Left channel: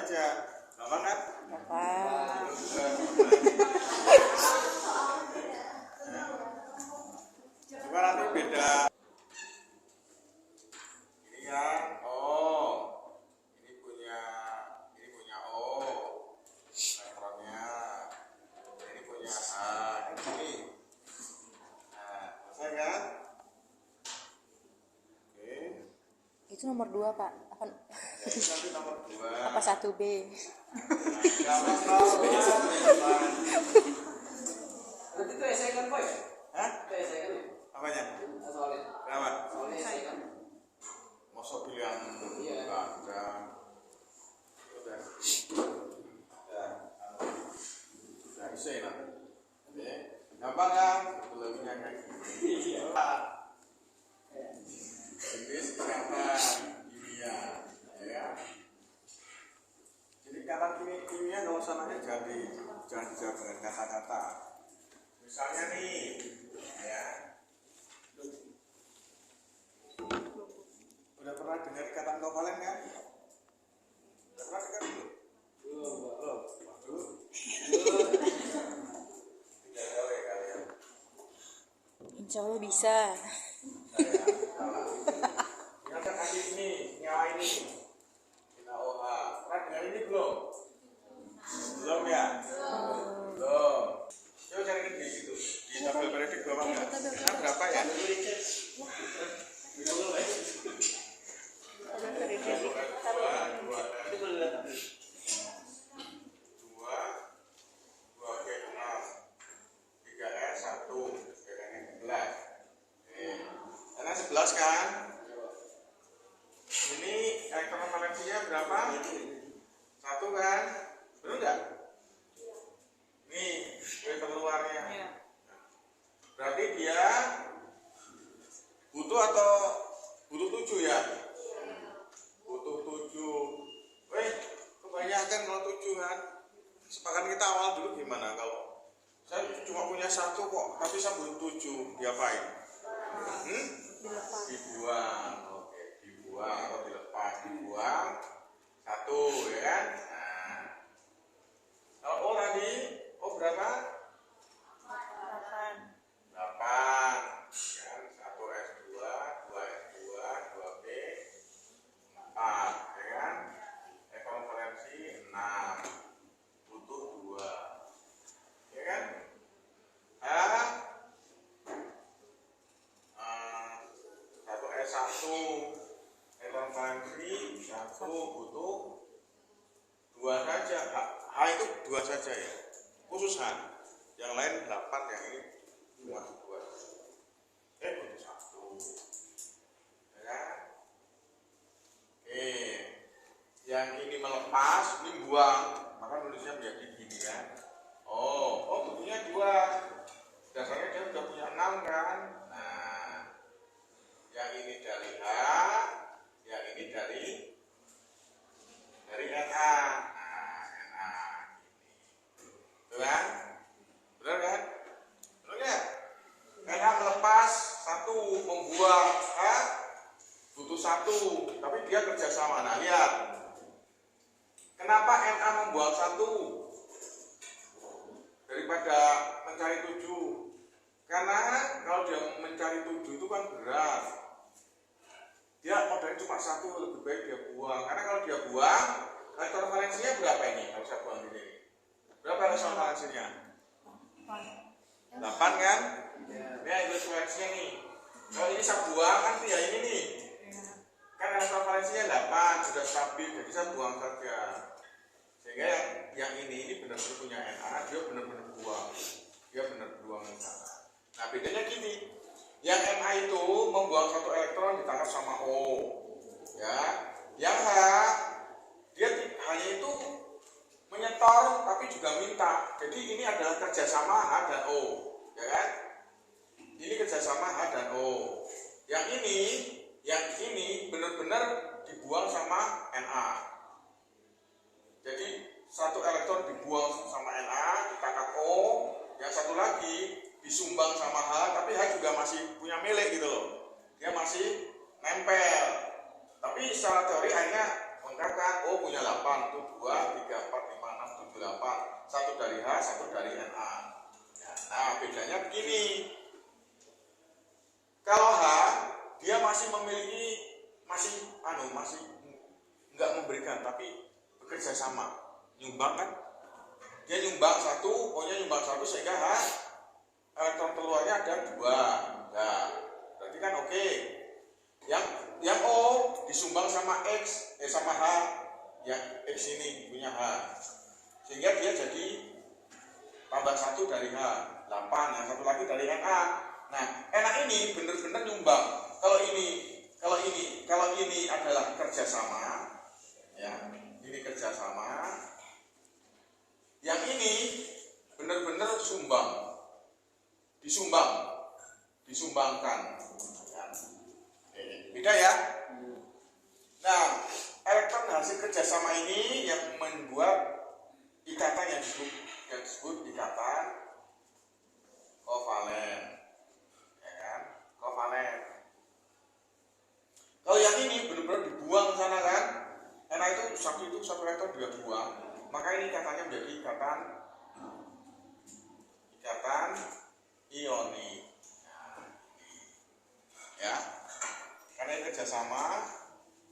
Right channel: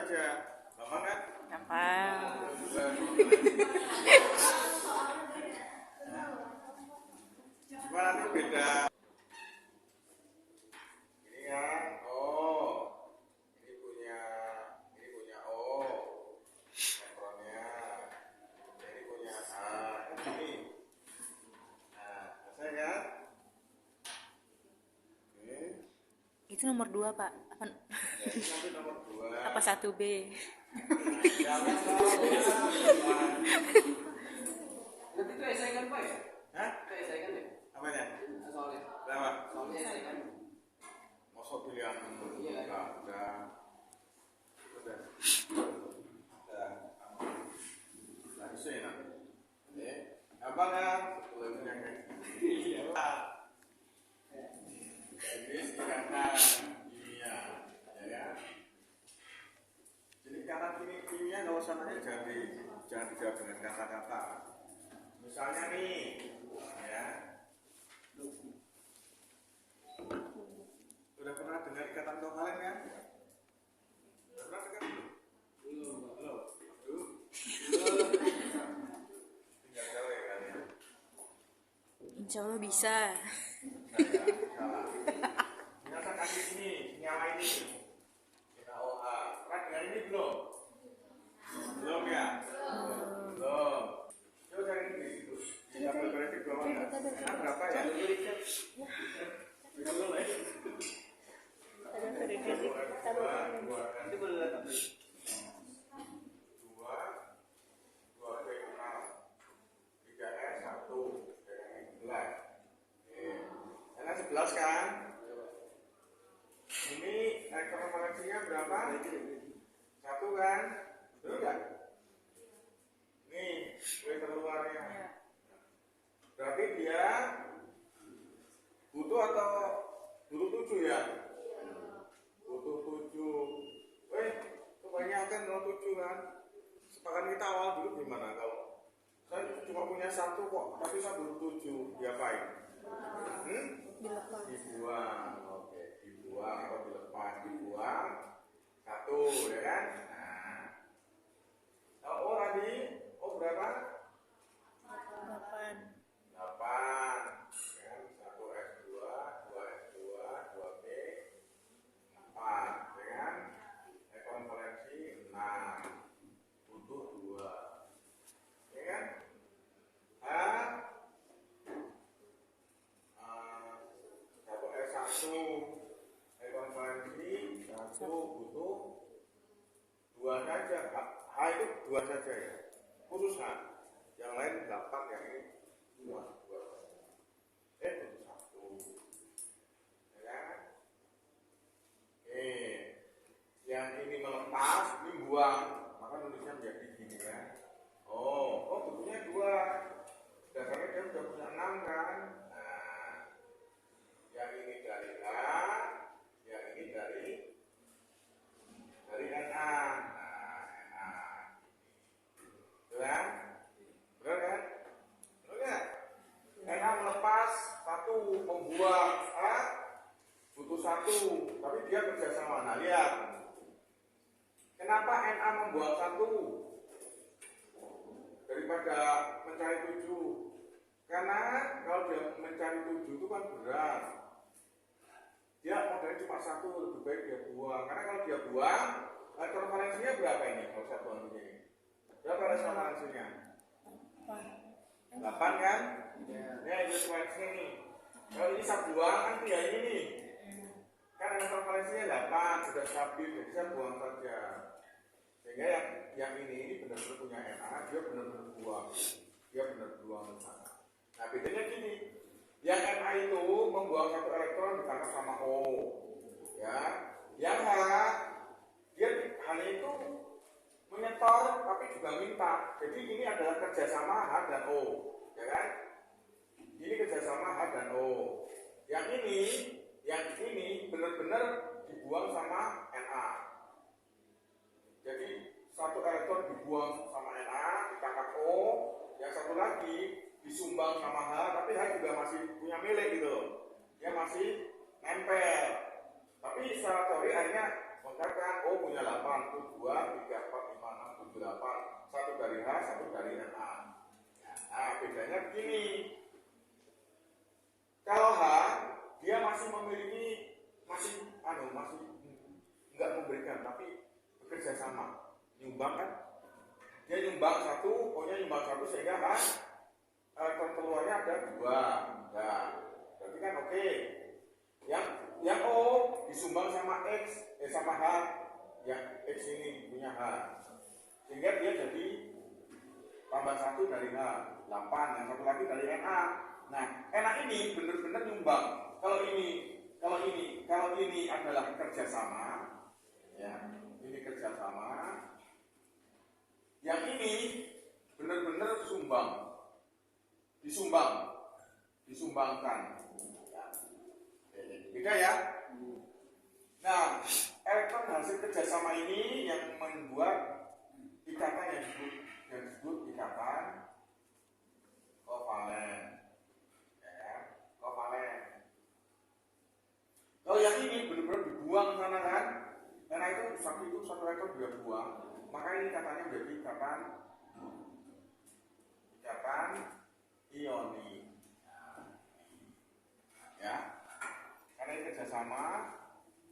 aja. Gampang kan? Gampang. Cuma nanti beda. Ini kan ini punya O elektronnya. Ini punya A. Ini. Nah, selesai kan? Oke. Itu nomor 2, Pak. Apa, Ya, itu nanti nomor 2. apa 1B? Jangan tahu. Nanti itu esai kan, Pak? Hah? Itu esai kan ya? Apanya? Soalnya. Kenapa? Soalnya esai kan? Masuk pilihan Iya. ada. Udah. Nah, bisa ya. Oke. Gampang ya? Lebihnya kayak gini. Inggris ikatan kimia, ya. Jadi ikatan kimia kalau sananya jangan dijawab dengan kata-kata. Misalnya nih, ya. Udah pernah dengar ikatan kovalen kan? Udah pernah dengar itu? Belum. Tidak tahu ya kalian. Insya Allah bisa. Saya salah. Ingatkan kaki ini, nyawa ini. Kita OH. Pernah dengar ini belum? Belum ya? Belum. Coba cari di situ. Di tabel periodik bawah nggak? Nah, berapa ya? Kan? Ini elektron valensinya berapa? 1 kan? Betul nggak? Nih, gue keluarnya. Berarti dia butuh atau butuh 7 ya? Butuh 7. Kebanyakan kalau 7 kan? Sepakat kita awal dulu gimana kalau saya cuma punya 1 kok, tapi saya butuh 7, diapain? Dibuang. Oke, dibuang atau dilepas. Dibuang 1, ya kan? Nah, kalau O tadi, O berapa? 8 kan? 1S2, 2S2, 2B 4, ya kan? Elektron valensi 6, butuh 2, ya kan? S1 elektron valensi 1 butuh 2 saja. H itu 2 saja ya, khusus H. Yang lain 8, yang ini cuma 2. Butuh 1, ya kan? Oke, yang ini melepas, ini buang, maka nulisnya menjadi gini kan? Butuhnya 2. Dasarnya dia sudah punya 6 kan? Yang ini dari H, yang ini dari Na. Na ini. Betul kan? Benar kan? Benar nggak? Na melepas 1, membuang butuh 1, tapi dia kerjasama. Nah, lihat. Kenapa Na membuang 1 daripada mencari 7? Karena kalau dia mencari 7 itu kan berat. Dia modalnya cuma 1, lebih baik dia buang. Karena kalau dia buang, elektron valensinya berapa ini? Kalau saya buang di sini, berapa elektron valensinya? 8 kan? Ya, elektron valensinya nih. Kalau ini saya buang kan ya ini nih. Kan elektron valensinya 8, sudah stabil, jadi saya buang saja. Sehingga yang ini benar-benar punya Na, dia benar-benar buang. Dia benar buang ke sana. Nah, bedanya gini. Yang Na itu membuang 1 elektron ditangkap sama O, ya. Yang H, dia hanya itu menyetor tapi juga minta. Jadi ini adalah kerjasama H dan O, ya kan? Ini kerjasama H dan O. Yang ini benar-benar dibuang sama Na. Jadi 1 elektron dibuang sama Na, ditangkap O, yang satu lagi disumbang sama H, tapi H juga masih punya milik gitu loh. Dia masih nempel. Tapi secara teori akhirnya mengungkapkan, oh punya 8, 1, 2, 3, 4, 5, 6, 7, 8. Satu dari H, satu dari Na. Nah, bedanya begini. Kalau H, dia masih memiliki, masih nggak memberikan, tapi bekerja sama. Nyumbang kan? Dia nyumbang satu, O-nya nyumbang satu, sehingga H, elektron keluarnya ada 2. Nah, berarti kan oke. Yang O disumbang sama X, sama H, yang X ini punya H, sehingga dia jadi tambah 1 dari H, 8, yang satu lagi dari Na. Nah, Na ini benar-benar nyumbang. Kalau ini adalah kerjasama, ya, ini kerjasama. Yang ini benar-benar disumbangkan. Beda ya. Nah, elektron hasil kerjasama ini yang membuat ikatan yang disebut ikatan kovalen, ya kan? Kovalen. Kalau yang ini benar-benar dibuang sana kan, karena itu satu elektron dia buang, maka ini ikatannya menjadi ikatan ionik. Nah, ya, karena ini kerjasama.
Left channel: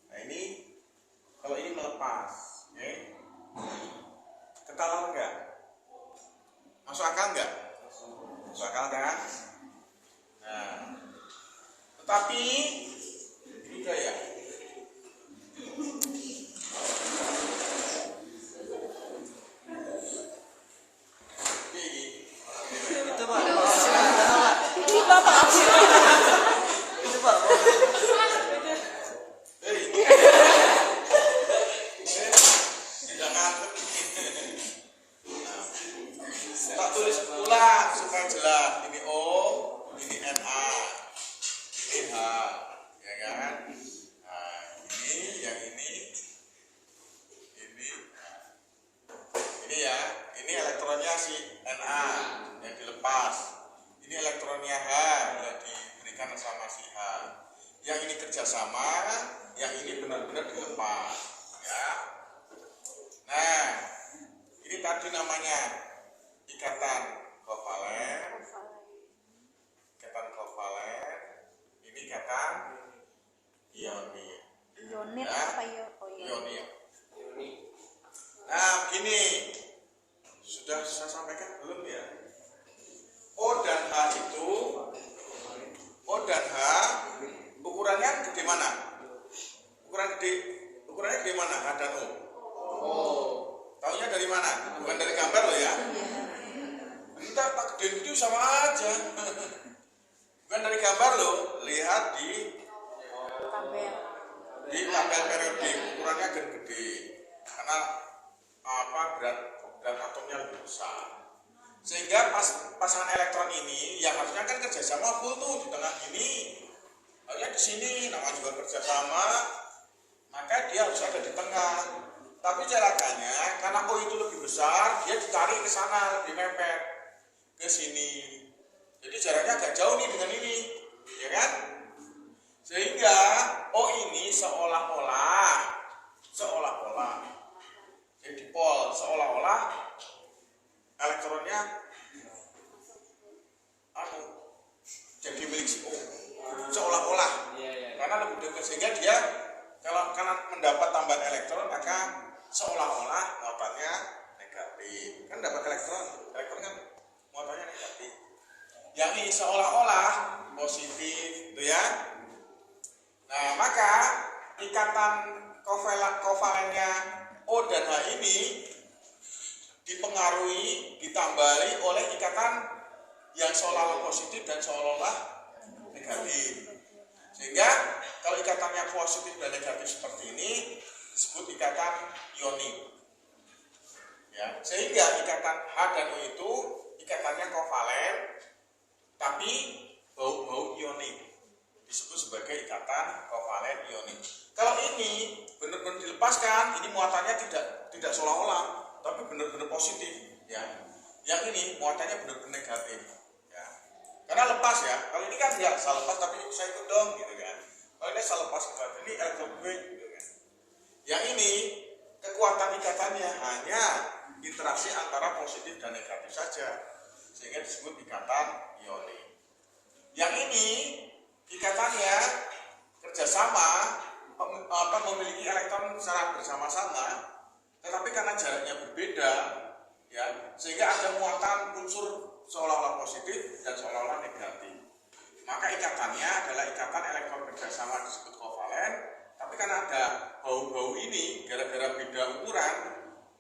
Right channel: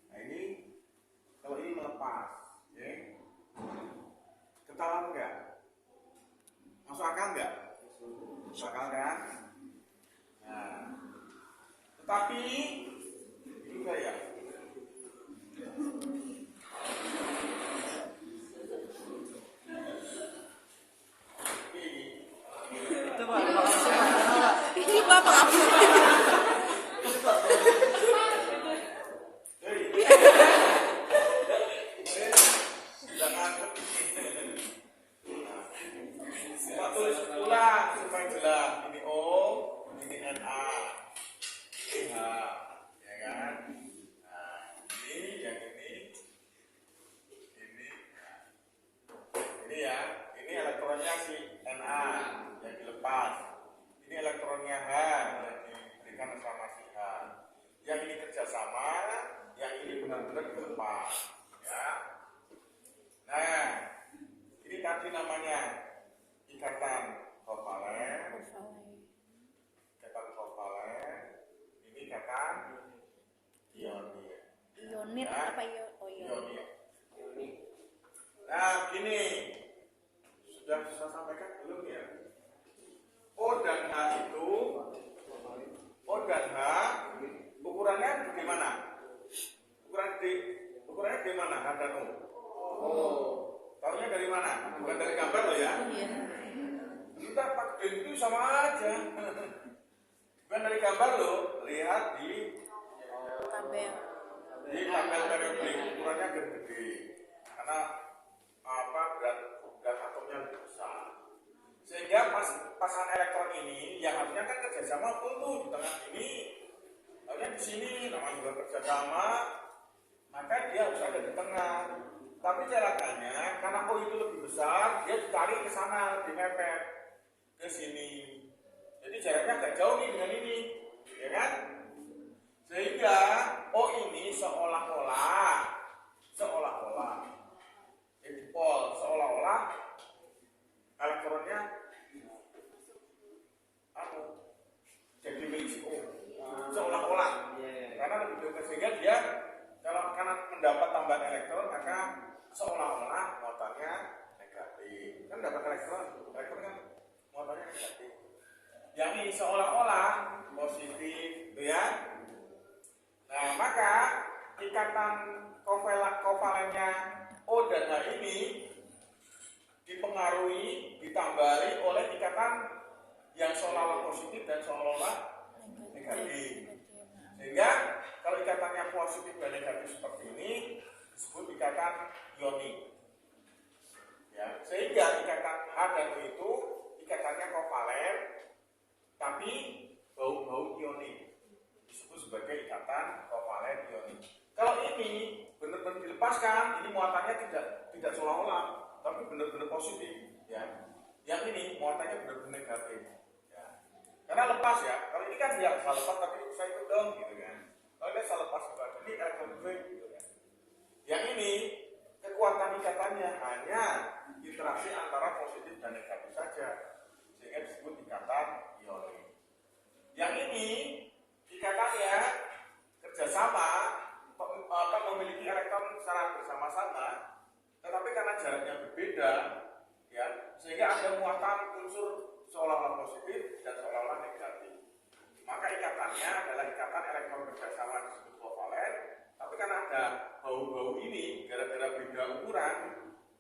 Nah ini kalau ini melepas, oke? Ketahuan enggak? Masuk akal enggak? Masuk akal kan? Nah, tetapi ini udah ya. Itu Pak, makasih Pak, jangan Pak. Ini Bapak Itu Pak, Tidak ngantuk. Tak tulis ulang supaya jelas. Ini O, ini Na, ini H, ya kan? Nah, ini yang ini ya. Ini elektronnya si Na yang dilepas. Ini elektronnya H yang diberikan sama si H. Yang ini kerjasama, yang ini benar-benar dilepas, ya. Nah, ini tadi namanya ikatan kovalen. Ikatan kovalen. Ini ikatan ionik. Ionit Ya. apa ya? Oh iya. Ionik. Nah, begini. Sudah saya sampaikan belum ya? O dan H itu, ukurannya gede mana? Ukurannya gede mana? H dan O. Taunya dari mana? Bukan dari gambar loh ya. Entah tak gede itu sama aja. Bukan dari gambar loh. Lihat di Tabel. tabel periodik, ukurannya agak gede. Karena berat atomnya lebih besar. Sehingga pasangan elektron ini yang harusnya kan kerjasama full tuh di tengah ini. Harusnya di sini namanya juga kerjasama, maka dia harus ada di tengah. Tapi celakanya karena O itu lebih besar, dia ditarik ke sana, lebih mepet ke sini. Jadi jaraknya agak jauh nih dengan ini, ya kan? Sehingga O ini seolah-olah jadi dipol, seolah-olah elektronnya jadi milik si O, seolah-olah, karena lebih dekat, sehingga dia karena mendapat tambahan elektron maka seolah-olah muatannya negatif. Kan dapat elektron kan muatannya negatif. Yang ini seolah-olah positif, gitu ya. Nah, maka ikatan kovalennya O dan H ini dipengaruhi, ditambahi oleh ikatan yang seolah-olah positif dan seolah-olah negatif. Sehingga kalau ikatannya positif dan negatif seperti ini disebut ikatan ionik. Ya, sehingga ikatan H dan O itu ikatannya kovalen tapi bau-bau ionik. Disebut sebagai ikatan kovalen ionik. Kalau ini benar-benar dilepaskan, ini muatannya tidak seolah-olah, tapi benar-benar positif, ya. Yang ini muatannya benar-benar negatif, ya. Karena lepas ya. Kalau ini kan ya saya lepas tapi saya ikut dong, gitu kan. Kalau ini saya lepas ini elektron gue, gitu kan. Yang ini kekuatan ikatannya hanya interaksi antara positif dan negatif saja, sehingga disebut ikatan ionik. Yang ini ikatannya kerjasama, memiliki elektron secara bersama-sama, tetapi karena jaraknya berbeda, ya, sehingga ada muatan unsur seolah-olah positif dan seolah-olah negatif. Maka ikatannya adalah ikatan elektron kerjasama disebut kovalen, tapi karena ada bau-bau ini, gara-gara beda ukuran,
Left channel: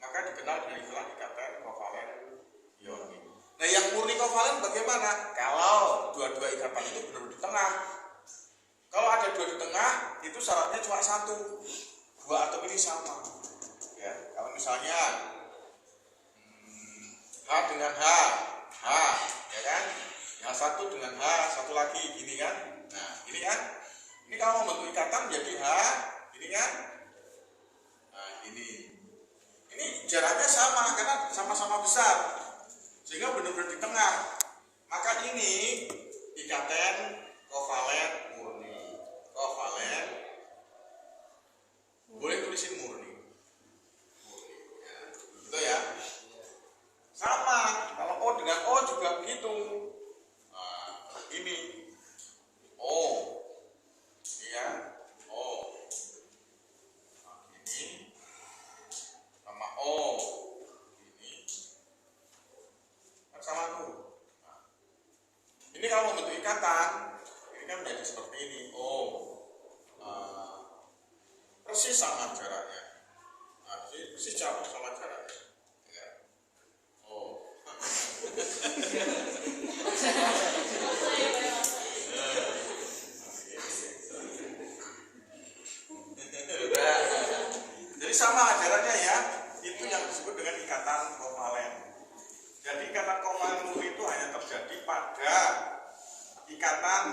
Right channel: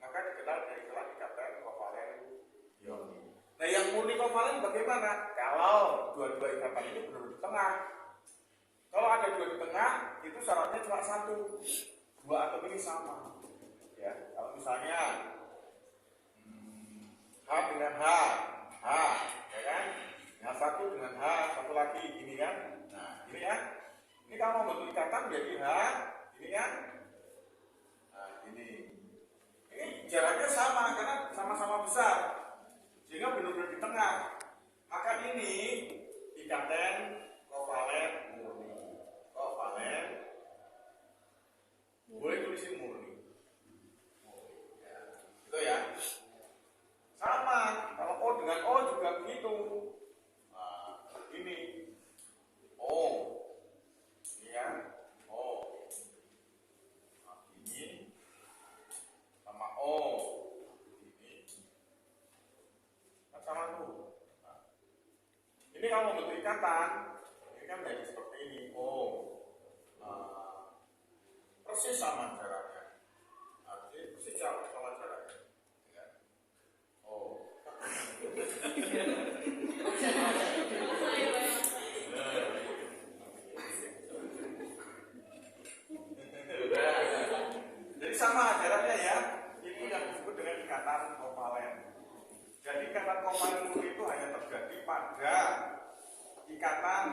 maka dikenal dengan istilah ikatan kovalen ionik. Nah, yang murni kovalen bagaimana? Kalau dua-dua ikatan itu benar-benar di tengah. Kalau ada dua di tengah, itu syaratnya cuma satu, dua atom ini sama. Ya, kalau misalnya H dengan H, ya kan? Yang satu dengan H, satu lagi gini kan? Nah, ini kan? Ini kalau membentuk ikatan jadi H, ini kan? Nah, ini jaraknya sama karena sama-sama besar, sehingga benar-benar di tengah. Maka ini ikatan kovalen murni. Kovalen, boleh tulisin murni. Ya, gitu ya. Sama, kalau O dengan O juga begitu. Nah, ini O, ini ya, O. Nah, ini sama O, ini kan sama tuh. Nah, ini kalau membentuk ikatan, ini kan menjadi seperti ini. O, persis sama jaraknya. Nah, persis sama jaraknya. Ya. O. Jadi sama jaraknya ya. Itu yang disebut dengan ikatan kovalen. Jadi ikatan kovalen murni itu hanya terjadi pada ikatan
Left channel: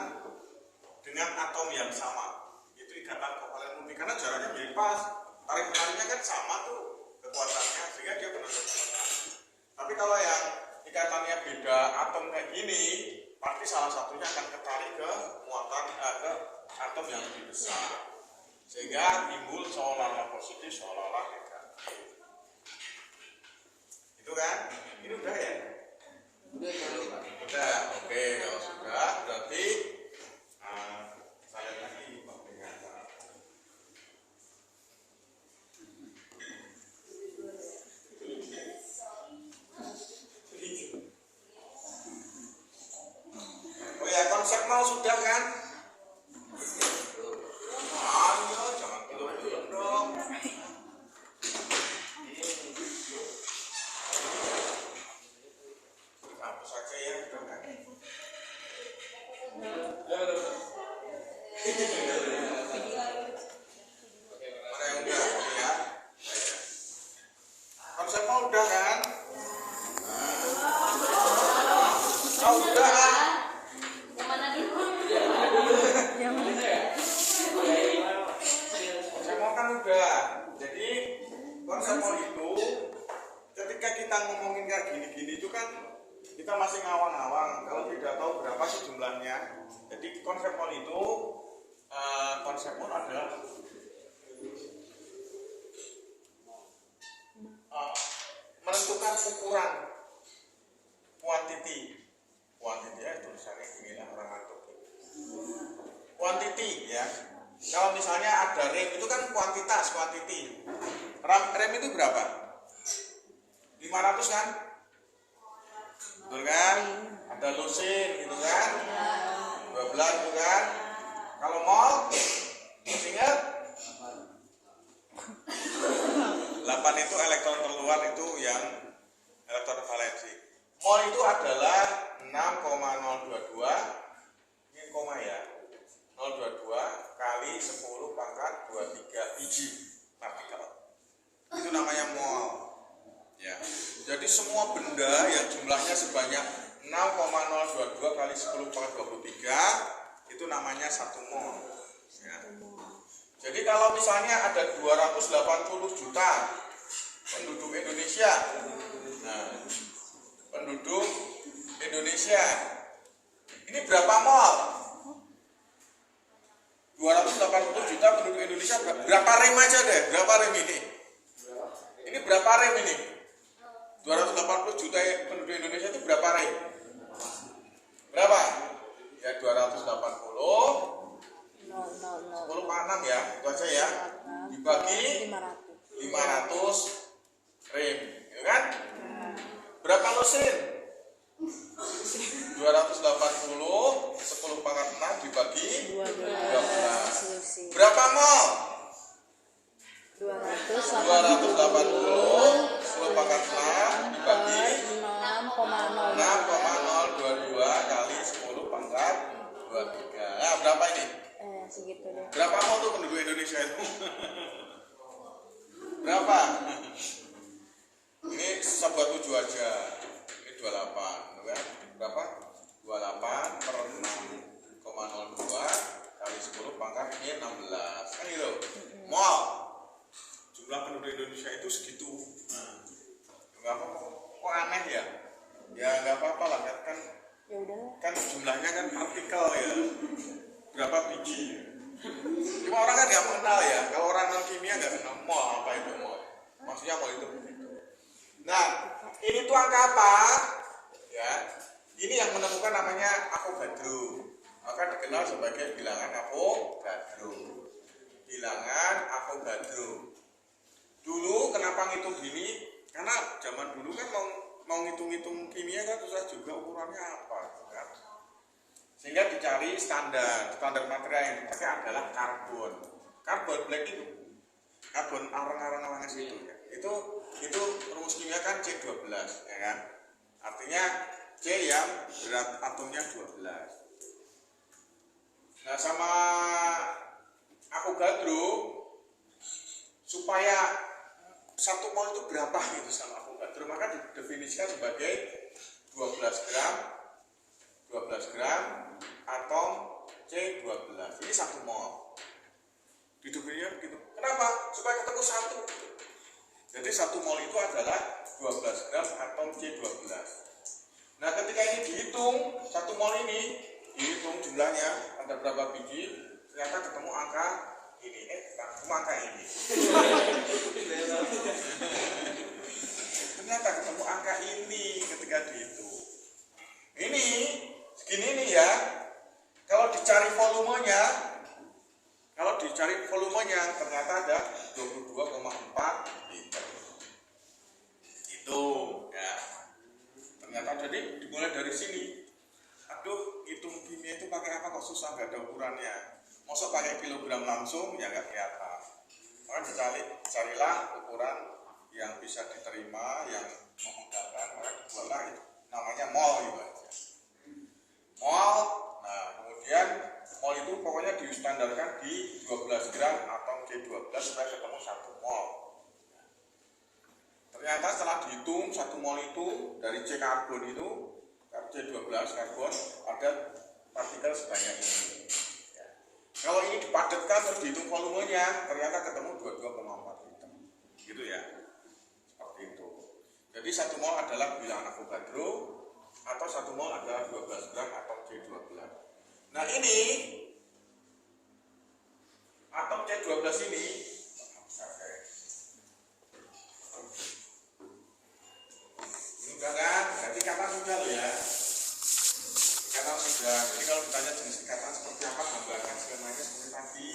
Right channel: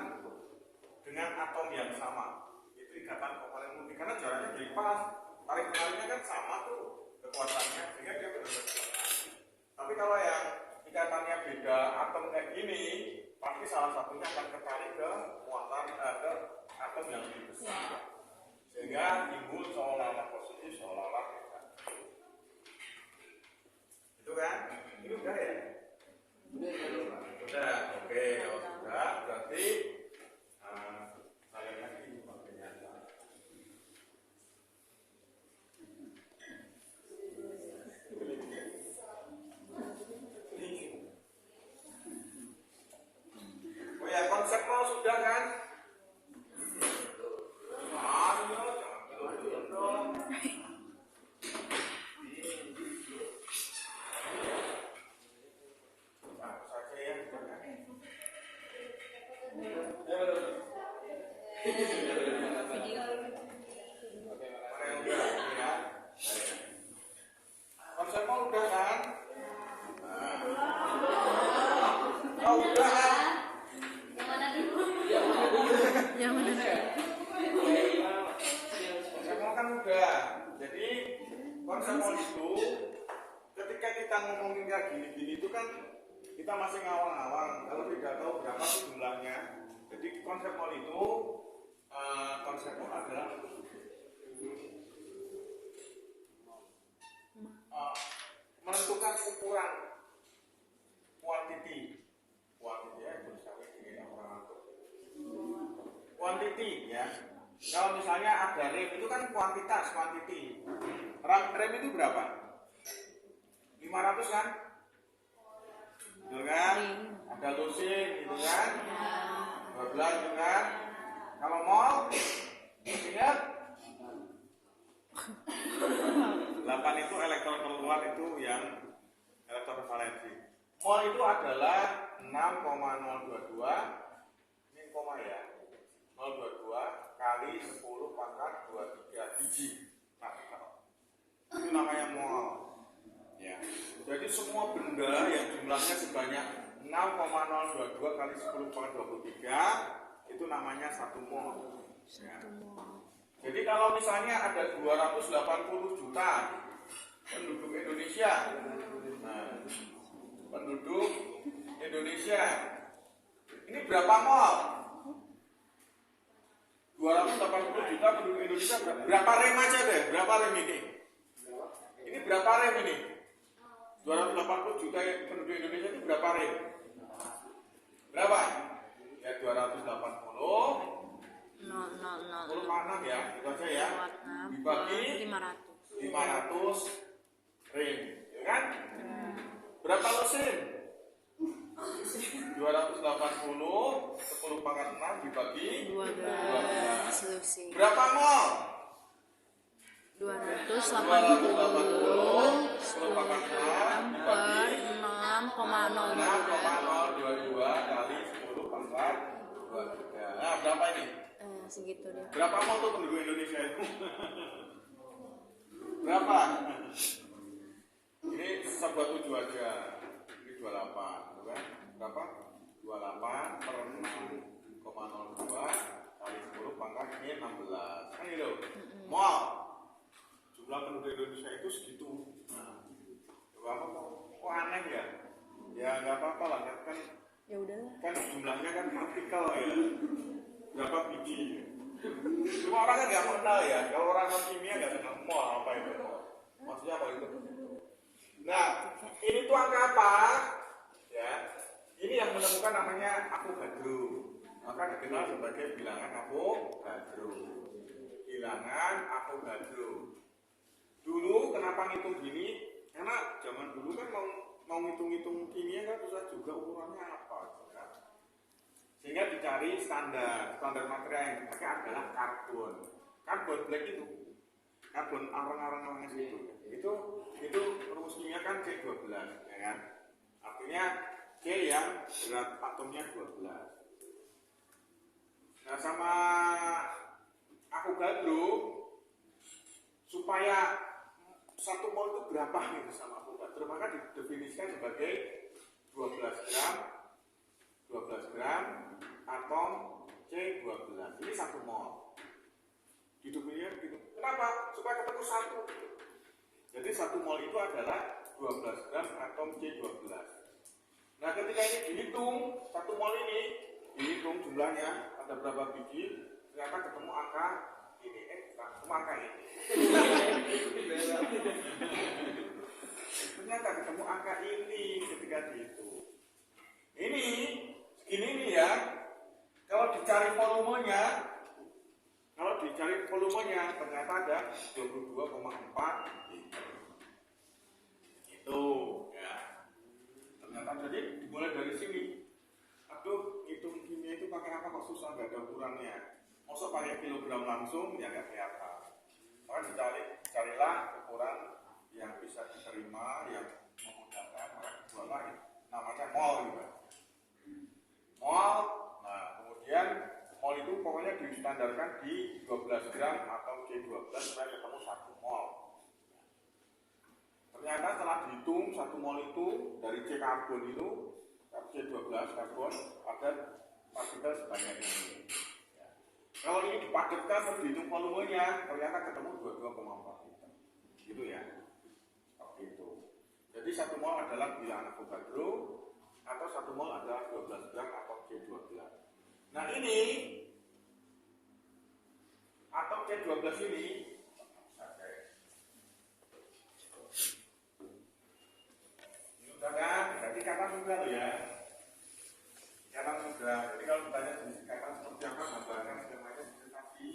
dengan atom yang sama. Itu ikatan kovalen murni karena jaraknya menjadi pas. Tarik menariknya kan sama tuh kekuatannya, sehingga dia benar-benar sama. Tapi kalau yang ikatannya beda atom kayak gini, pasti salah satunya akan ketarik ke muatan ke atom yang lebih besar, sehingga timbul seolah-olah positif, seolah-olah negatif. Itu kan? Ini udah ya? Udah. Oke, kalau sudah berarti saya lagi pakai kata. Oh ya, konsep mau sudah kan? Ayo, jangan belum dong. Hapus saja ya, udah kan? Mana yang udah ya? Konsep mau udah kan? Oh udah kan? Konsep kan udah. Jadi konsep itu ketika kita ngomongin kayak gini-gini itu kan kita masih ngawang-ngawang kalau tidak tahu berapa sih jumlahnya. Jadi konsep itu konsep adalah menentukan ukuran quantity ya, tulisannya inilah orang ngantuk. Quantity ya. Kalau misalnya ada rem itu kan kuantitas, quantity. Rem itu berapa? 500 kan? Betul kan? Ada lusin gitu kan? 12 gitu kan? Kalau mol, ingat? 8 itu elektron terluar, itu yang elektron valensi. Mol itu adalah 6,022, ini koma ya, 022 kali 10 pangkat 23 biji partikel. Itu namanya mol. Ya. Jadi semua benda yang jumlahnya sebanyak 6,022 kali 10 pangkat 23 itu namanya 1 mol. Ya. Jadi kalau misalnya ada 280 juta penduduk Indonesia, nah, penduduk Indonesia ini berapa mol? 280 juta penduduk Indonesia, berapa rem aja deh? Berapa rem ini? Ini Ini berapa rem ini? 280 juta penduduk Indonesia itu berapa rem? Berapa? Ya 280 10,6 ya, itu aja ya. Dibagi 500 rem, ya kan? Berapa lusin? 280 10 pangkat 6 dibagi 12. Berapa mol? 280 10 pangkat 6 dibagi 6,022 kali 10 pangkat 23. Nah, berapa ini? Segitu deh. Berapa mol tuh penduduk Indonesia itu? Berapa? Ini susah buat 7 aja. Ini 28, kan? Berapa? 28 per 6,02 kali 10 pangkat ini 16. Kan itu. Mol. Jumlah penduduk Indonesia itu segitu. Nah, apa kok aneh ya? Ya nggak apa-apa lah kan. Ya udahlah. Kan jumlahnya kan partikel ya. Berapa biji? Cuma orang kan nggak mengenal ya. Kalau orang non kimia nggak kenal mol apa itu mol. Maksudnya mol itu begitu. Nah, ini tuh angka apa? Ya, ini yang menemukan namanya Avogadro. Maka dikenal sebagai bilangan Avogadro. Bilangan Avogadro. Dulu kenapa ngitung gini? Karena zaman dulu kan mau ngitung-ngitung kimia kan susah juga ukurannya apa, kan? Sehingga dicari standar material yang dipakai adalah karbon black itu, karbon arang-arang itu ya. Itu rumus kimia kan C12 ya kan, artinya C yang berat atomnya 12. Nah, sama Avogadro supaya 1 mol itu berapa gitu sama Avogadro, maka didefinisikan sebagai 12 gram atom C12. Ini 1 mol. Didefinisikan begitu. Kenapa? Supaya ketemu 1. Jadi 1 mol itu adalah 12 gram atom C12. Nah, ketika ini dihitung 1 mol ini, dihitung jumlahnya ada berapa biji, ternyata ketemu angka ini. Ketemu angka ini. Ternyata ketemu angka ini ketika dihitung. Ini segini nih ya. Kalau dicari volumenya ternyata ada 22,4 liter. Itu ya. Ternyata jadi dimulai dari sini. Aduh, hitung kimia itu pakai apa kok susah, nggak ada ukurannya. Masa pakai kilogram langsung ya nggak kelihatan. Maka carilah ukuran yang bisa diterima, yang memudahkan, maka dibuatlah itu. Namanya mol gitu aja. Mol. Nah, kemudian mol itu pokoknya distandarkan di 12 gram atom C12 supaya ketemu 1 mol. Ternyata setelah dihitung 1 mol itu dari C karbon itu, C12 karbon ada partikel sebanyak ini. Kalau ini dipadatkan terus dihitung volumenya, ternyata ketemu 22,4 liter. Gitu ya. Seperti itu. Jadi 1 mol adalah bilangan Avogadro atau 1 mol adalah 12 gram atom C12. Nah, ini atom C12 ini udah kan? Berarti kapan sudah loh ya? Ikatan sudah. Jadi kalau ditanya jenis ikatan seperti apa, gambarkan skemanya seperti tadi.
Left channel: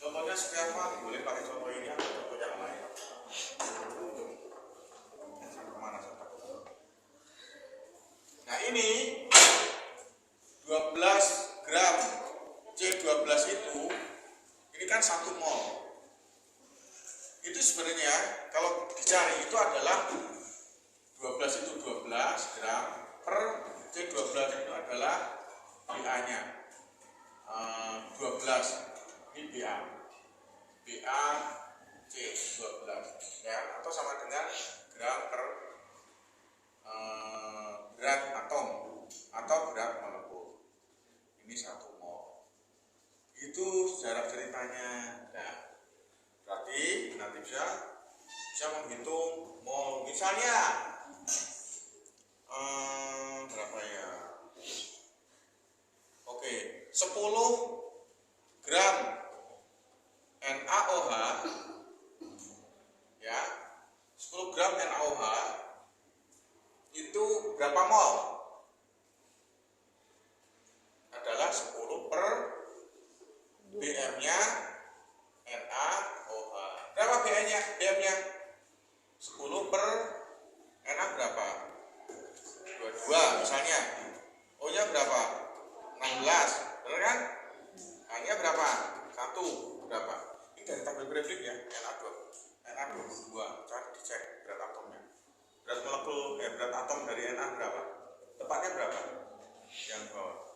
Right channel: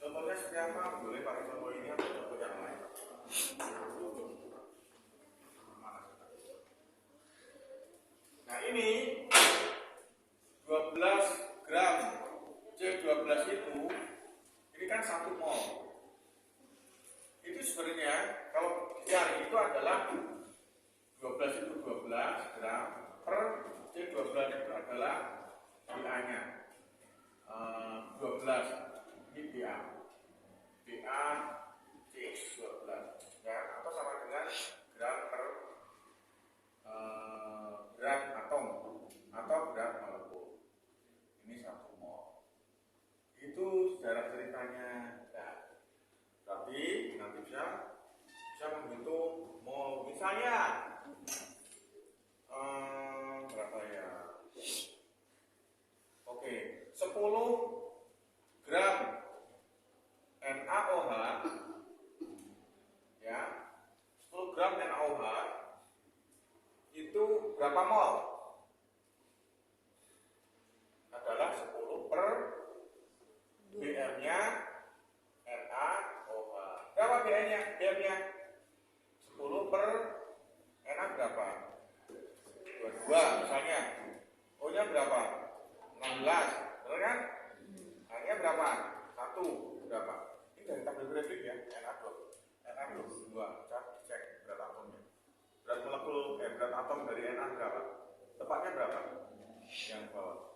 Contohnya seperti apa? Boleh pakai contoh ini atau contoh yang lain. Sampai mana saya takut. Nah, ini 12 gram C12 itu, ini kan 1 mol. Itu sebenarnya kalau dicari itu adalah 12 itu 12 gram per C12 itu adalah BA-nya 12, ini BA C12 ya, atau sama dengan gram per berat atom atau berat molekul. Ini 1 mol. Itu sejarah ceritanya. Nah, berarti nanti bisa menghitung mol. Misalnya berapa ya? Oke, 10 gram NaOH ya 10 gram NaOH itu berapa mol? Adalah 10 per BM-nya NaOH. Berapa BM-nya? 10 per Na berapa? 22 misalnya. O-nya berapa? 16, benar kan? H-nya berapa? 1 berapa? Ini dari tabel Bradley ya, Na22. Coba dicek berat atomnya. Berat molekul, berat atom dari Na berapa? Tepatnya berapa? Yang bawah.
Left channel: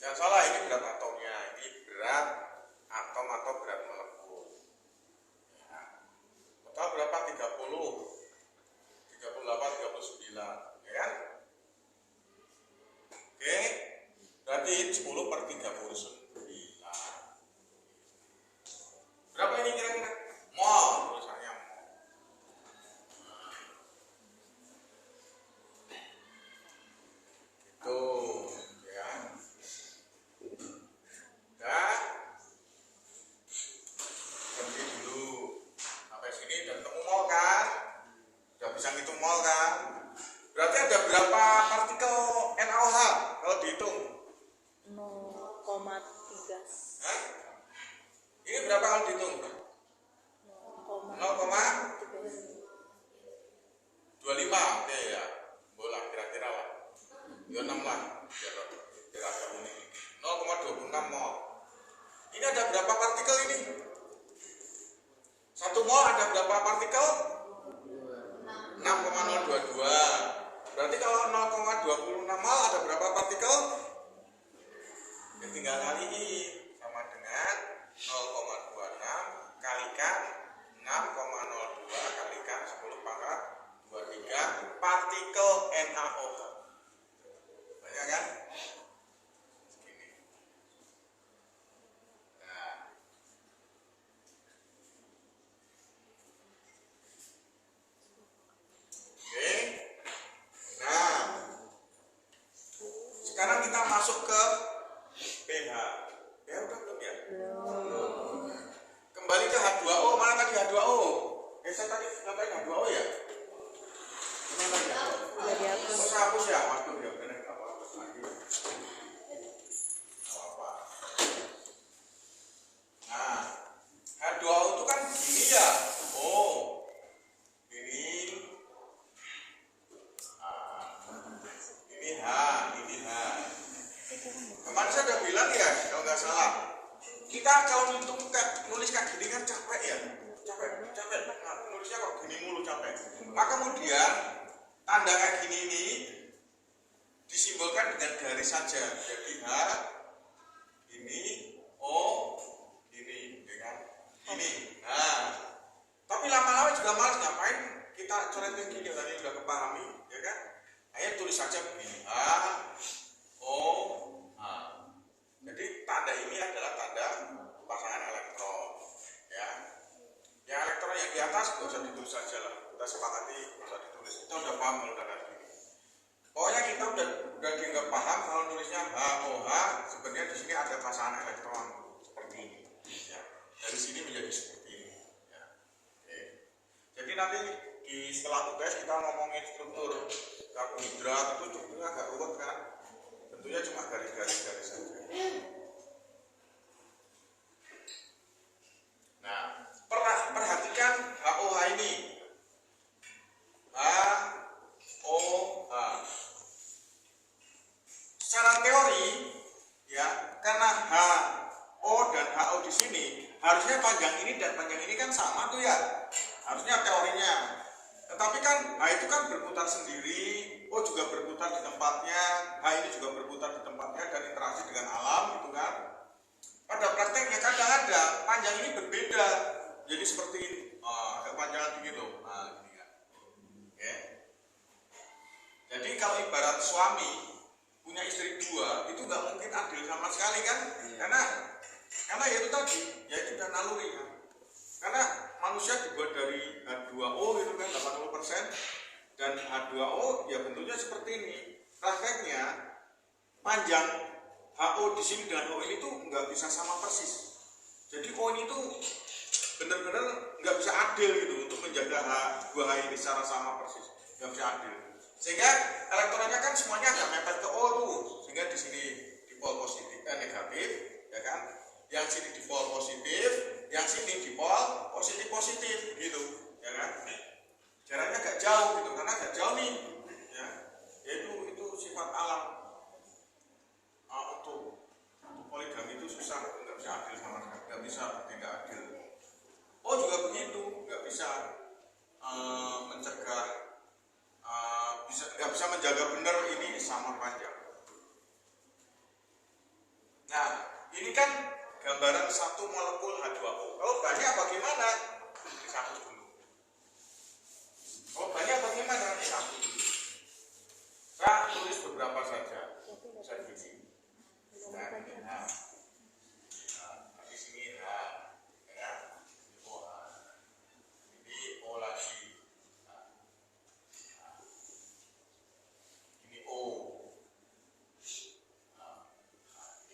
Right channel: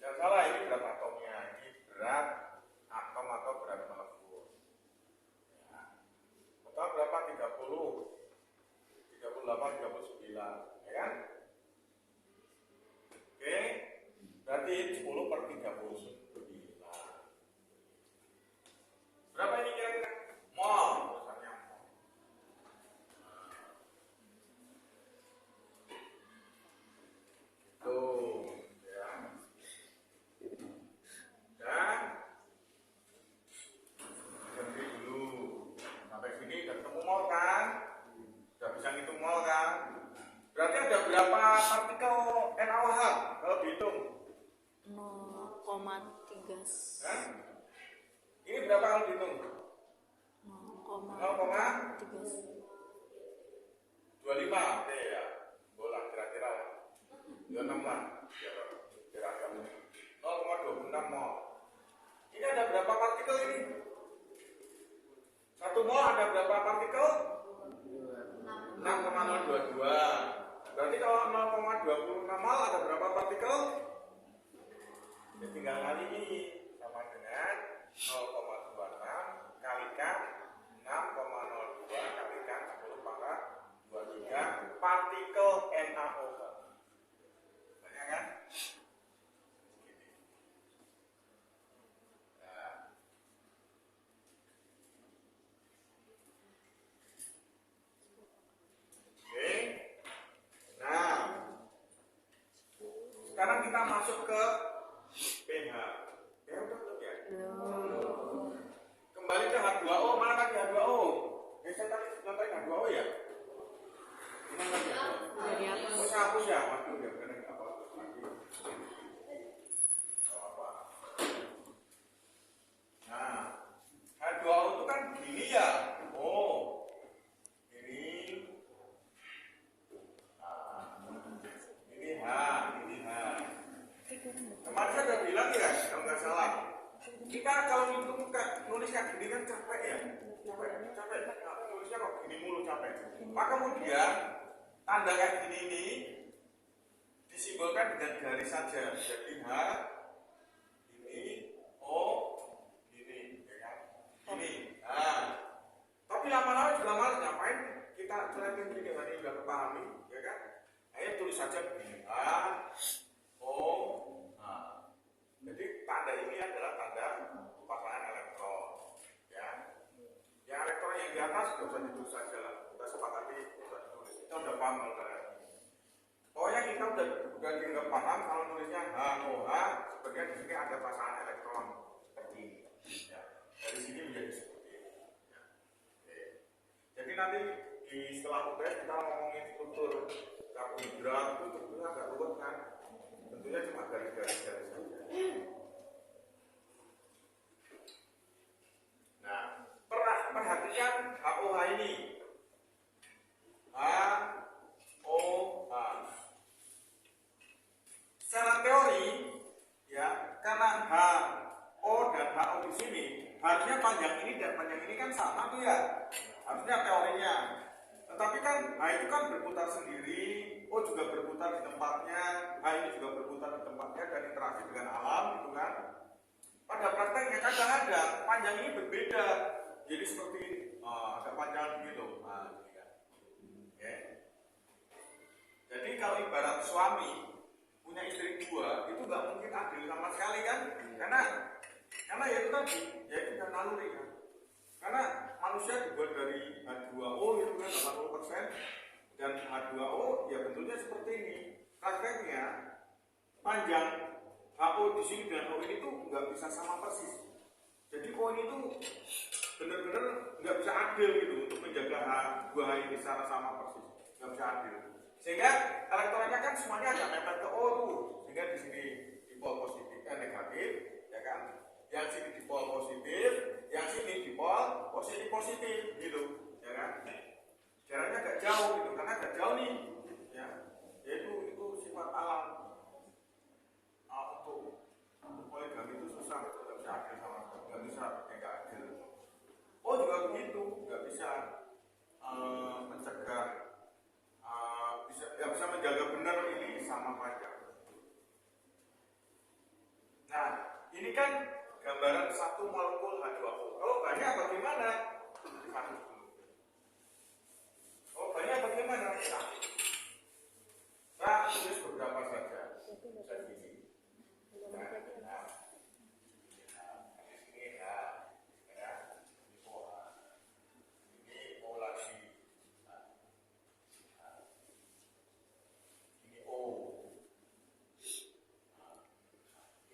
Jangan salah, ini berat atomnya. Ini berat atom atau berat molekul. Ya. Total berapa? 30, 38, 39, ya kan? Oke, berarti 10 per 39. Berapa ini kira-kira? Mol, tulisannya mol. Tuh, ya. Dan berhenti dulu. Sampai sini udah ketemu mol kan? Udah bisa ngitung mol kan? Berarti ada berapa partikel NaOH kalau dihitung? 0,3. Hah? Ini berapa kalau dihitung? 0,25. Oke ya. Bola kira-kira lah. 26 lah. Biar agak unik. 0,26 mol. Ini ada berapa partikel ini? 1 mol ada berapa partikel? 6,022. Berarti kalau 0,26 mol ada berapa partikel? Ya tinggal kaliin sama dengan 0,26 kalikan 6,02 kalikan 10 pangkat 23 partikel NaOH. Banyak kan? Segini. Nah. Oke. Nah. Sekarang kita masuk ke pH. Ya udah belum ya? Kembali ke H2O. Mana tadi H2O? Saya tadi ngapain H2O ya? Gimana tadi H2O? Udah dihapus. Oh, saya hapus ya? Waduh ya, bener apa hapus lagi. Apa? Nah, H2O itu kan gini ya. Oh, ini. Ini H, ini H. Kemarin saya udah bilang ya, kalau nggak salah, kita kalau nulis kayak gini kan capek ya, capek. Nah, nulisnya kok gini mulu capek. Maka kemudian tanda kayak gini ini disimbolkan dengan garis saja. Jadi H, ini, O, ini, ya kan? Ini. Nah, tapi lama-lama juga malas ngapain kita coret yang gini tadi udah kepahami, ya kan? Ayo tulis saja begini. H, O, H. Jadi tanda ini adalah tanda pasangan elektron, ya. Yang elektron yang di atas nggak usah ditulis saja lah. Kita sepakati nggak usah ditulis. Kita udah paham kalau udah kayak gini. Pokoknya kita udah dianggap paham kalau nulisnya HOH. Sebenarnya di sini ada pasangan elektron seperti ini. Ya. Dari sini menjadi seperti ini. Ya. Oke. Jadi nanti di setelah UTS kita ngomongin struktur karbohidrat itu strukturnya agak ruwet kan. Tentunya cuma garis-garis saja. Nah, perhatikan HOH ini. HOH. Secara teori, ya, karena HO dan HO di sini harusnya panjang ini dan panjang ini kan sama tuh ya. Harusnya teorinya. Tetapi kan H itu kan berputar sendiri, O juga berputar di tempatnya, H ini juga berputar di tempatnya dan interaksi dengan alam gitu kan. Pada prakteknya kadang-kadang panjang ini berbeda, jadi seperti ini, agak panjang gitu. Nah, gini kan. Oke. Jadi kalau ibarat suami punya istri dua, itu nggak mungkin adil sama sekali kan? Karena ya itu tadi, ya itu udah naluri kan. Karena manusia dibuat dari H2O itu kan 80% dan H2O ya bentuknya seperti ini. Prakteknya panjang HO di sini dengan O ini tuh nggak bisa sama persis. Jadi O ini tuh benar-benar nggak bisa adil gitu untuk menjaga dua H ini secara sama persis, nggak bisa adil. Sehingga elektronnya kan semuanya agak mepet ke O tuh, sehingga di sini dipol positif negatif, ya kan? Yang sini dipol positif, yang sini dipol positif gitu, ya kan? Jaraknya agak jauh gitu, karena agak jauh nih, ya. Yaitu itu sifat alam. Untuk poligami itu susah, nggak bisa adil sama sekali, nggak bisa, nggak adil. Oh juga begitu, nggak bisa mencegah, nggak bisa menjaga benar ini sama panjang. Nah ini kan gambaran satu molekul H2O. Kalau banyak bagaimana? Disatu dulu. Kalau banyak bagaimana? Disatu dulu. Saya tulis beberapa saja. Saya begini. Nah, di sini H, ya, ini O H, ini O lagi, ini O,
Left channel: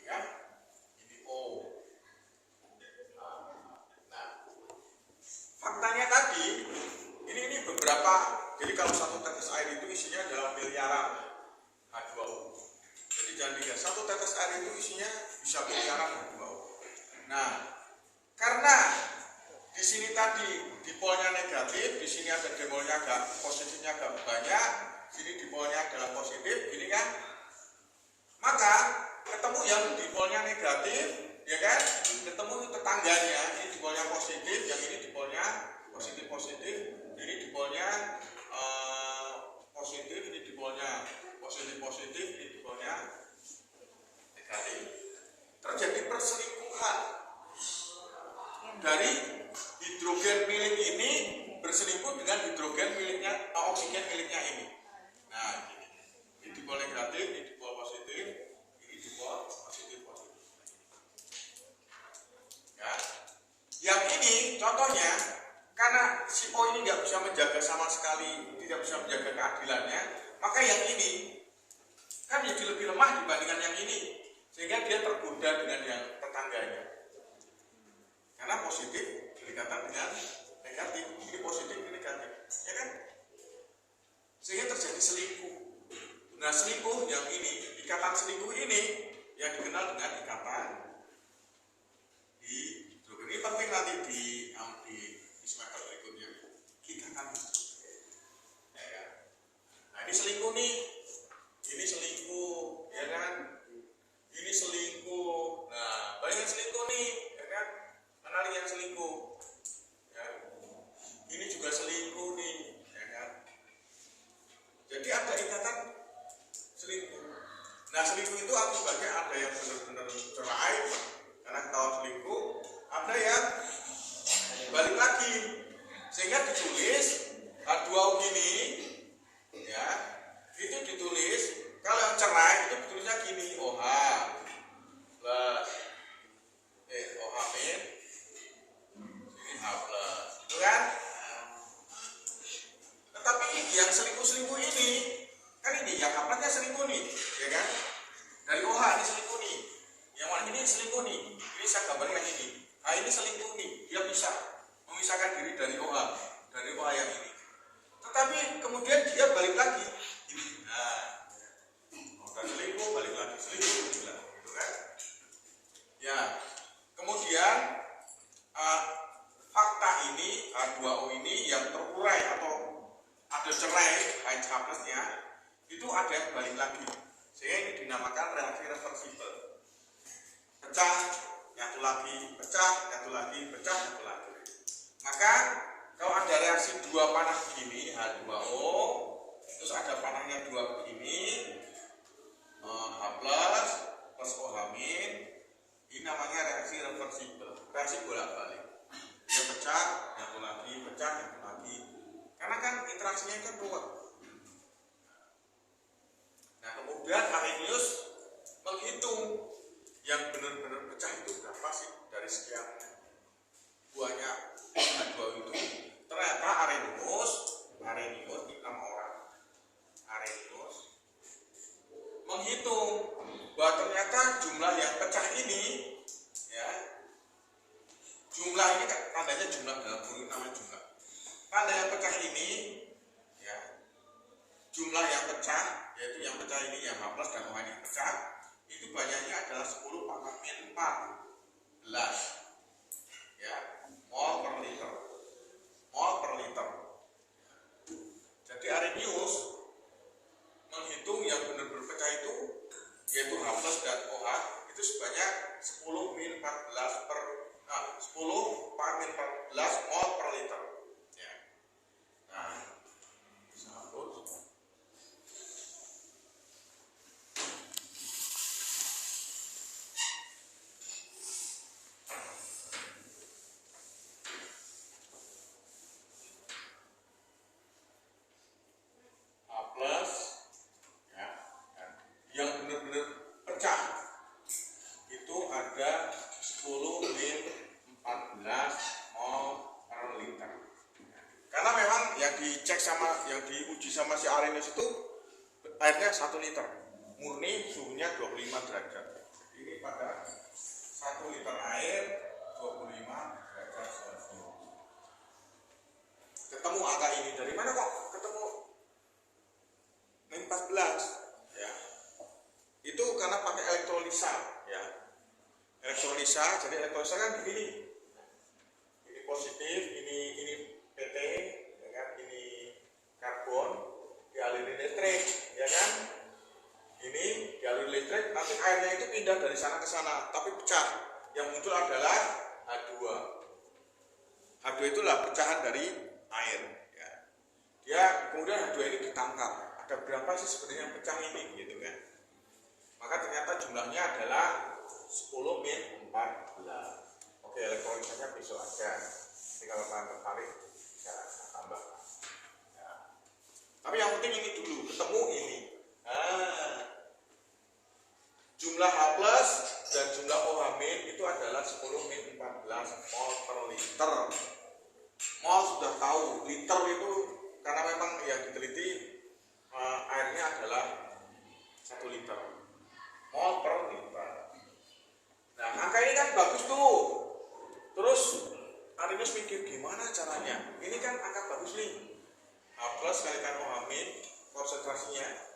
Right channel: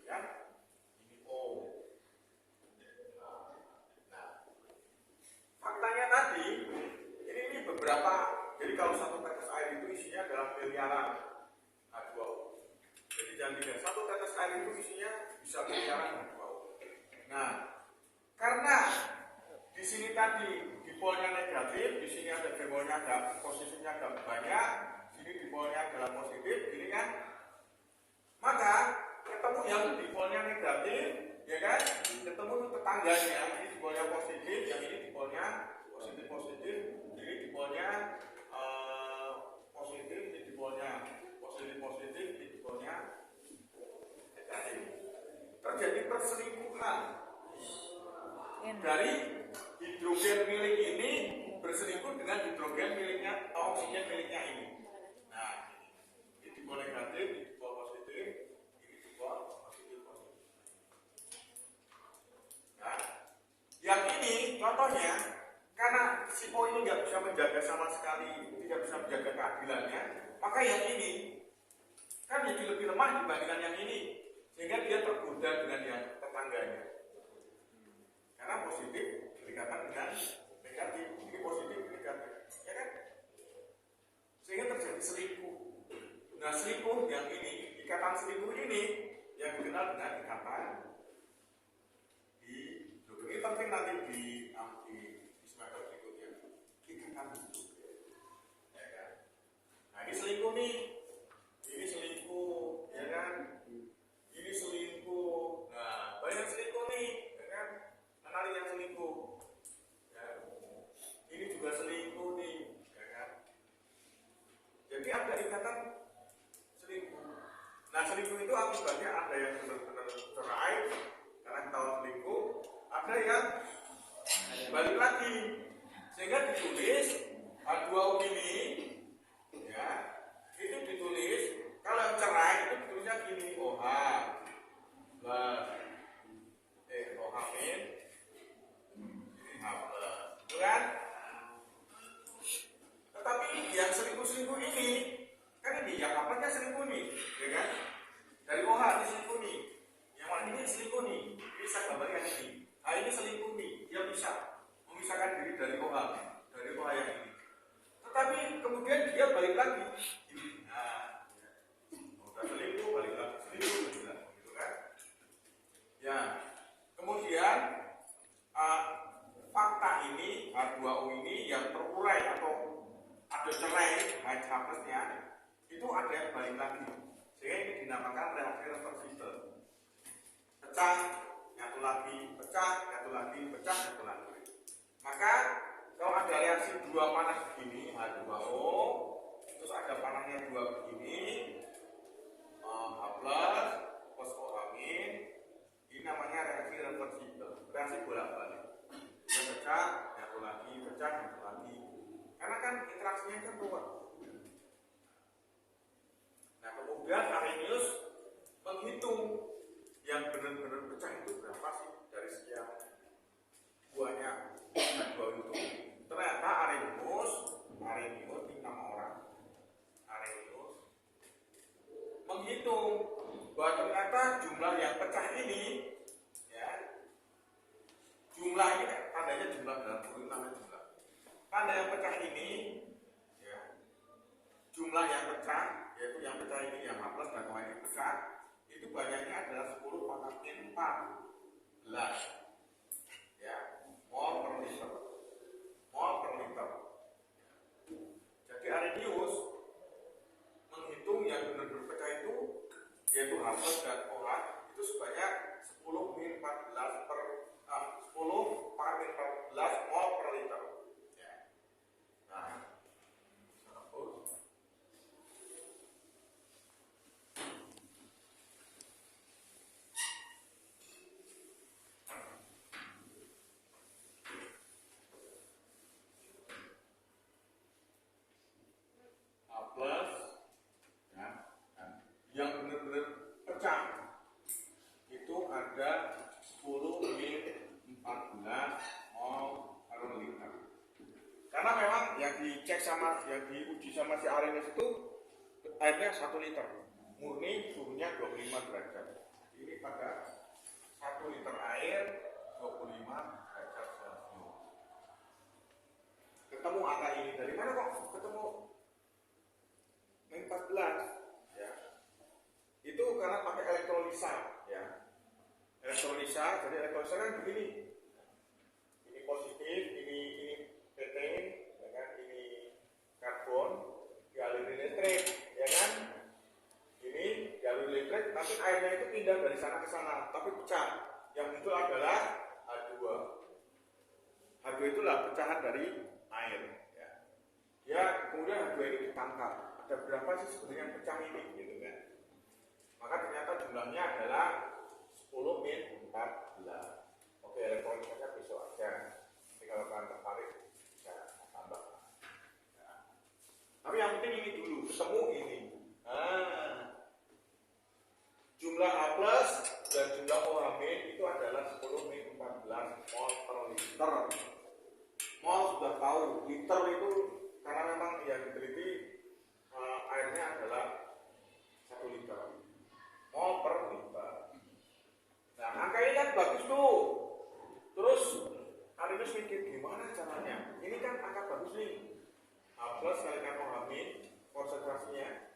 ya, ini O. Nah, faktanya tadi, ini beberapa. Jadi kalau satu tetes air itu isinya dalam miliaran H2O. Jadi jangan dikira satu tetes air itu isinya bisa miliaran H2O. Nah, karena di sini tadi dipolnya negatif, di sini ada dipolnya agak positifnya agak banyak, sini dipolnya adalah positif, ini kan, maka ketemu yang dipolnya negatif, ya kan, ketemu tetangganya, ini dipolnya positif, yang ini dipolnya positif, ini dipolnya positif, ini dipolnya positif, ini dipolnya negatif. Terjadi perselingkuhan dari hidrogen milik ini berselingkuh dengan hidrogen miliknya, oksigen miliknya ini. Nah, ini dipol negatif, ini dipol positif, ini dipol positif. Ya. Yang ini contohnya, karena si O ini nggak bisa menjaga sama sekali, tidak bisa menjaga keadilannya, maka yang ini kan jadi lebih lemah dibandingkan yang ini, sehingga dia tergoda dengan yang tetangganya. Karena positif berdekatan dengan negatif, ini positif, ini negatif, ya kan? Sehingga terjadi selingkuh. Nah, selingkuh yang ini, ikatan selingkuh ini yang dikenal dengan ikatan hidrogen. Ini penting nanti di semester berikutnya. Ikatan hidrogen. Ya kan? Nah, ini selingkuh nih. Ini selingkuh, ya kan? Ini selingkuh. Nah, banyak selingkuh nih, ya kan? Kenali yang selingkuh. Ya. Ini juga selingkuh nih, ya kan? Jadi ada ikatan selingkuh. Nah, selingkuh itu akibatnya ada yang benar-benar cerai karena ketahuan selingkuh, ada yang balik lagi, sehingga ditulis H2O gini, ya, itu ditulis kalau yang cerai itu ditulisnya gini, OH plus OH min ini H plus, itu kan? Tetapi yang selingkuh ini kan ini yang kapalnya selingkuh nih, ya kan? Dari OH ini selingkuh nih, yang mana ini selingkuh nih, ini saya gambarkan ini. Nah, ini selingkuh nih, dia bisa memisahkan diri dari OH yang ini. Tetapi kemudian dia balik lagi, ini. Nah, udah selingkuh, balik lagi, selingkuh, gitu kan? Ya, kemudian fakta ini H2O ini yang terurai atau ada cerai H plusnya itu ada yang balik lagi, sehingga ini dinamakan reaksi reversibel. Pecah, nyatu lagi, pecah, nyatu lagi, pecah, nyatu lagi. Maka kalau ada reaksi dua panah begini H2O, terus ada panahnya dua begini, H plus OH min, ini namanya reaksi reversibel, reaksi bolak-balik. Dia pecah, nyatu lagi, pecah, nyatu lagi. Karena kan interaksinya kan ruwet. Nah, kemudian Arrhenius menghitung yang benar-benar pecah itu berapa sih dari sekian banyak H2O itu. Ternyata Arrhenius ini nama orang. Arrhenius menghitung bahwa ternyata jumlah ini yang H plus dan OH ini pecah, itu banyaknya adalah 10 pangkat min 14 ya, mol per liter. Jadi Arrhenius menghitung yang benar-benar pecah itu yaitu H plus dan OH itu sebanyak 10 min 14 per 10 pangkat min 14 mol per liter ya. Nah, bisa hapus. H plus ya, dan yang benar-benar pecah itu ada 10 min 14 mol per liter. Karena memang yang dicek sama yang diuji sama si Arrhenius itu airnya 1 liter, murni suhunya 25 derajat. Ini pada 1 liter air 25 derajat Celcius. Ketemu angka ini dari mana kok ketemu min 14 ya? Itu karena pakai elektrolisa ya. Elektrolisa, jadi elektrolisa kan begini. Ini positif, ini PT, ya kan? Ini karbon, dialirin listrik, ya kan? Ini dialirin listrik, nanti airnya itu pindah dari sana ke sana, tapi pecah. Yang muncul adalah H2. H2 itulah pecahan dari air. Ya. Dia kemudian H2 ini ditangkap. Ada berapa sih sebenarnya yang pecah ini, gitu kan? Maka ternyata jumlahnya adalah 10 min 14. Oke, elektrolisanya besok aja. Jadi kalau kalian tertarik bisa tambah. Ya. Tapi yang penting ini dulu, ketemu ini. Jumlah H plus dan jumlah OH min itu adalah 10 min 14 mol per liter. Mol sudah tahu, liter itu karena memang yang diteliti airnya adalah 1 liter. Mol per liter. Nah, angka ini kan bagus tuh. Terus Arrhenius mikir gimana caranya? Ini kan angka bagus nih. H plus kalikan OH min konsentrasinya